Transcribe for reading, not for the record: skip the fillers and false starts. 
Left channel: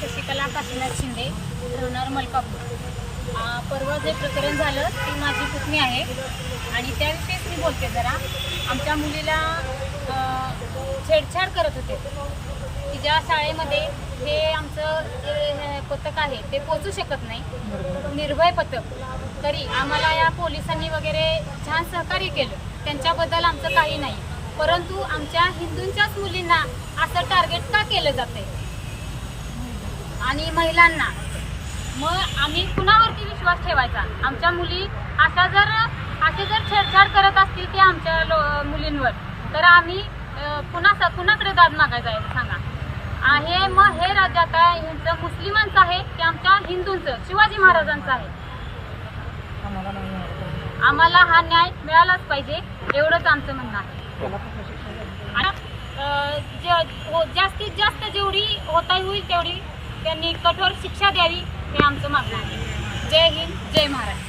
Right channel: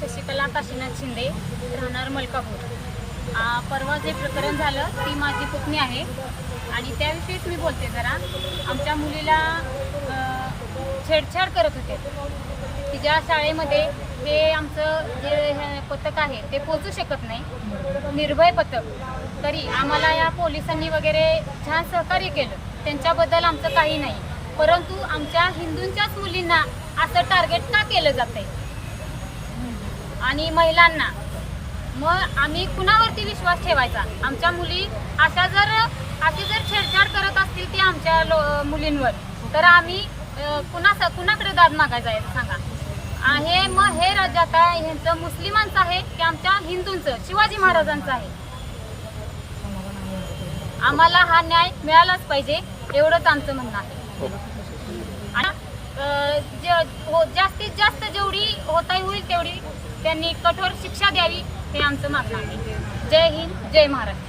शशिकला काशीनाथ शिंदे, राहणार मलकापूर। परवा जे प्रकरण झालं ती माझी पुतणी आहे आणि त्याविषयीच मी बोलते। जरा आमच्या मुलीला छेडछाड करत होते। तिच्या शाळेमध्ये हे आमचं जे पथक आहे ते पोहोचू शकत नाही, निर्भय पथक। तरी आम्हाला या पोलिसांनी वगैरे छान सहकार्य केलं, त्यांच्याबद्दल आमचं काही नाही। परंतु आमच्या हिंदूंच्याच मुलींना असं टार्गेट का केलं जातंय आणि महिलांना? मग आम्ही कुणावरती विश्वास ठेवायचा? आमच्या मुली असे जर छेडछाड करत असतील ते आमच्या मुलींवर, तर आम्ही कुणाकडे दाद मागायचा आहे सांगा? हे राज्य आता ह्यांचं मुस्लिमांचं आहे की आमच्या हिंदूंचं, शिवाजी महाराजांचं आहे? आम्हाला हा न्याय मिळालाच पाहिजे, एवढंच आमचं म्हणणं आहे। जास्तीत जास्त जेवढी होता होईल तेवढी त्यांनी कठोर शिक्षा द्यावी, हे आमचं मागणं आहे। जय हिंद, जय महाराष्ट्र।